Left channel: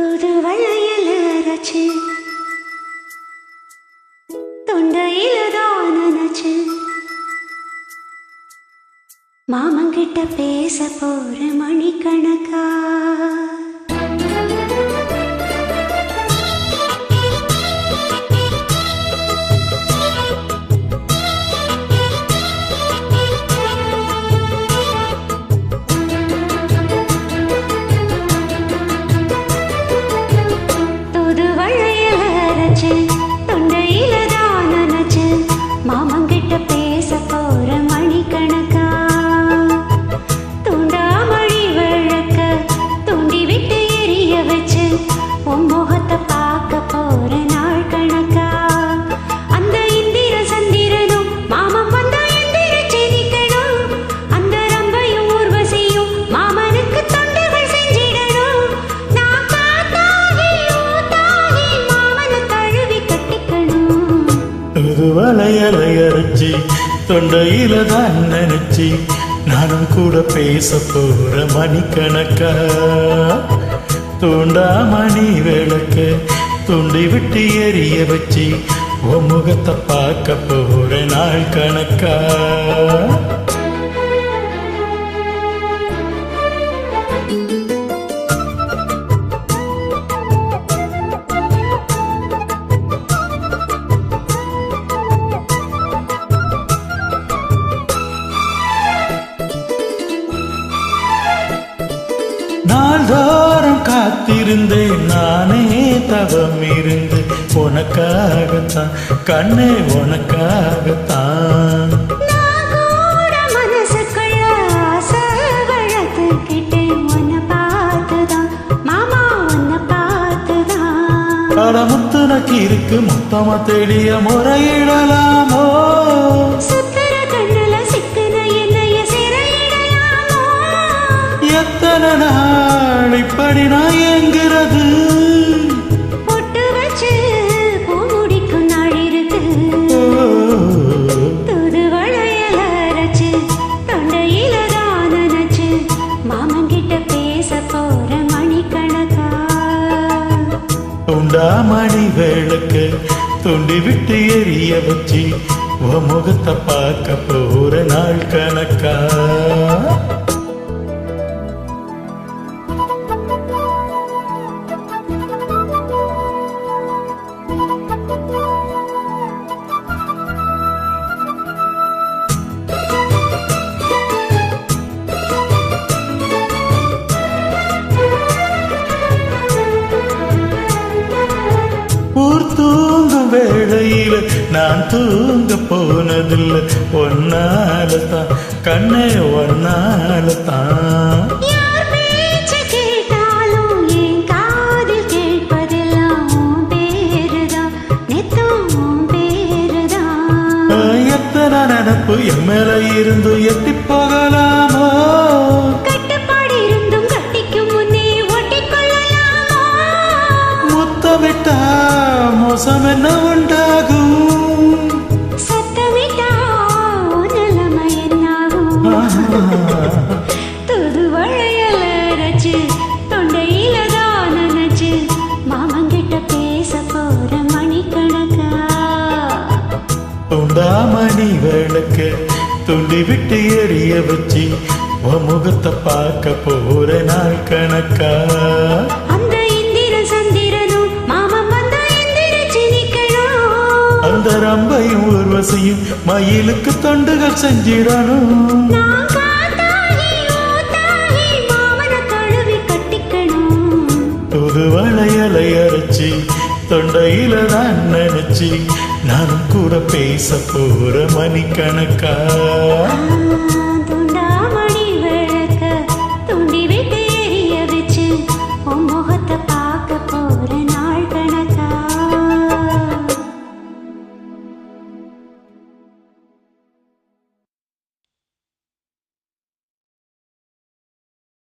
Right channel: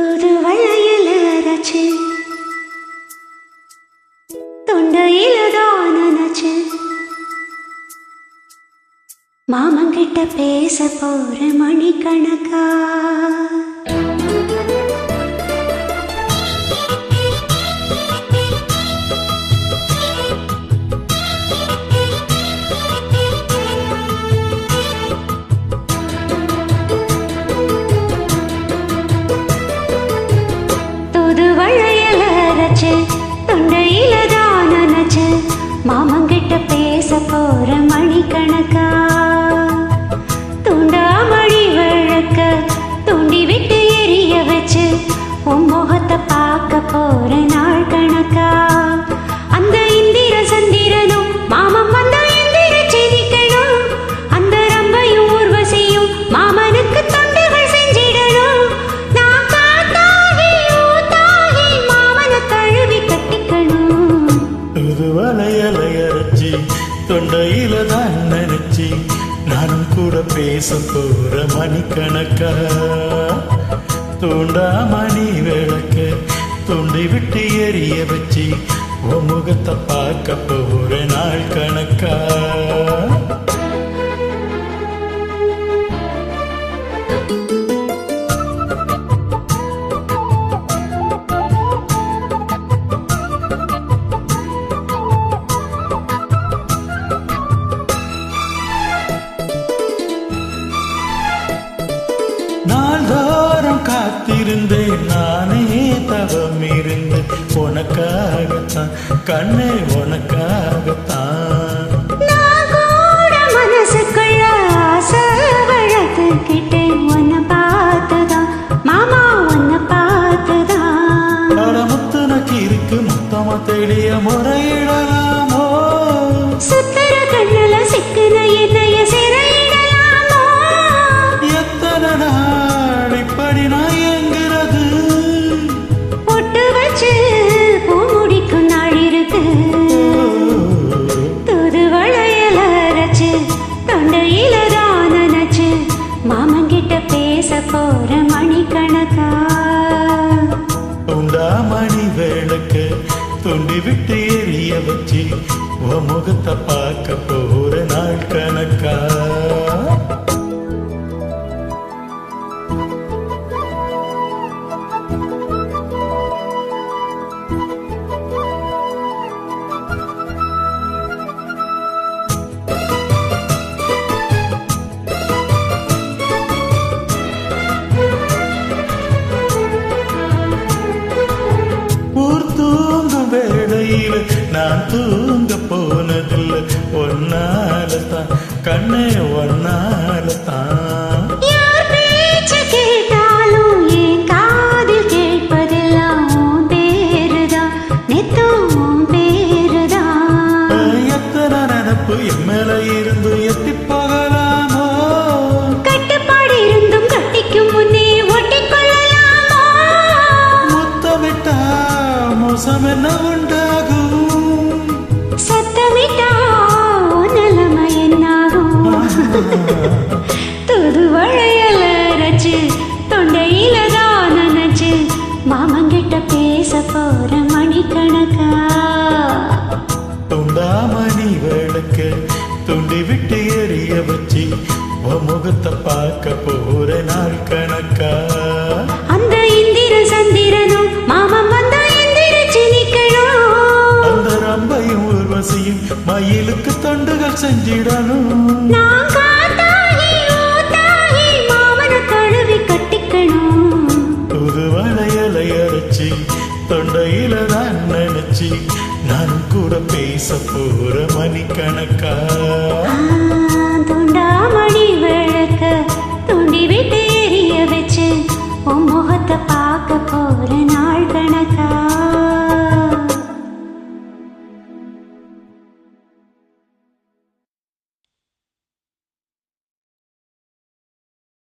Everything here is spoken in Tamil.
தூது வளையல அரைச்சு தொண்டையில தான் நினைச்சு மாமங்கிட்ட பேச போற மணிக்கணக்கா. தூது வளையல அரைச்சு தொண்டையில தான் நினைச்சு மாமங்கிட்ட பேச போற மணிக்கணக்கா. தூண்டாமணி விளக்க தூண்டி விட்டு எரிய வச்சு உன் முகத்தை பார்க்க போற நாள் கணக்கா. அந்த இந்திர சந்திரனும் மாமன் வந்தா எந்திர செதிக்கணும். அந்த ரம்பையும் ஊர்வசியும் மாமனுக்கு தொண்டுகள் செஞ்சிடணும். நான் காத்தாகி ஊத்தாகி மாமனை தழுவி கட்டிக்கணும். தூது வளையல அரைச்சி தொண்டையில தான் நினைச்சி நானும் கூட பேச போற மணிக்கணக்கா. தூண்டாமணி விளக்க தூண்டி விட்டு எரிய வச்சு உன் முகத்தை பார்க்க போற நாள் கணக்கா. நாள்தோறும் காத்திருந்தேன் நானே தவம் இருந்து உனக்காகத்தான் கண்ணே உனக்காகத்தான். நான் கூட மனசுக்குள்ள ஆசை வளர்த்துக்கிட்டேன் உன்னை பார்த்துதான் மாமா உன்னை பார்த்துதான். படமுத்துனக்கு இருக்கு மொத்தமா தெளிய முறையிடலாமோ. சுத்தர கண்ணுல சிக்குன என்னைய சிறையிடலாமோ. எத்தனை நாள் இப்படி நான் எங்கிறது. பொட்டு வச்சு பூ முடிக்கும் நாள் இருக்கு. தூது வளையல அரைச்சு தொண்டையில தான் நினைச்சு மாமங்கிட்ட பேச போற மணிக்கணக்கா. துண்டாமணி விளக்க துண்டி விட்டு எரிய வச்சு உன் முகத்தை பார்க்க போற நாள் கணக்கா. ஊர் தூங்கும் வேளையில நான் தூங்க போனதில்லை ஒன்னாலதான் கண்ணே ஒன்னாலதான். யார் பேச்ச கேட்டாலும் என் காதில் கேட்பதெல்லாம் உன் பேருதான் நெத்தும் உன் பேருதான். எத்தனை நினப்பு என் மேல இருந்து எட்டி போகலாமோ. கட்டுப்பாடு இருந்தும் கட்டிக்கும் முன்னே ஒட்டிக்கொள்ளலாமோ. முத்தமிட்டா மோசம் என்ன உண்டாகும். சத்தமிட்டா உன் நிலைமை என்னாகும். தூது வளையல அரைச்சு தொண்டையில தான் நினைச்சு மாமங்கிட்ட பேச போற மணிக்கணக்கா. துண்டாமணி விளக்க துண்டி விட்டு எரிய வச்சு உன் முகத்தை பார்க்க போற நாள் கணக்கா. அந்த இந்திர சந்திரனும் மாமன் வந்தா எந்திரிச்சு நிக்கணும். அந்த ரம்பையும் ஊர்வசியும் மயிலுக்கு தொண்டுகள் செஞ்சிடணும். நான் காத்தாகி ஊத்தாகி மாமனை தழுவி கட்டிக்கணும். புது வளையலை அரைச்சி தொண்டையில தான் நினைச்சி நானும் கூட பேச போற மணிக்கணக்கா. துண்டாமணி விளக்க தூண்டி விட்டு எரிய வச்சு உன் முகத்தை பார்க்க போற நாள் கணக்கா.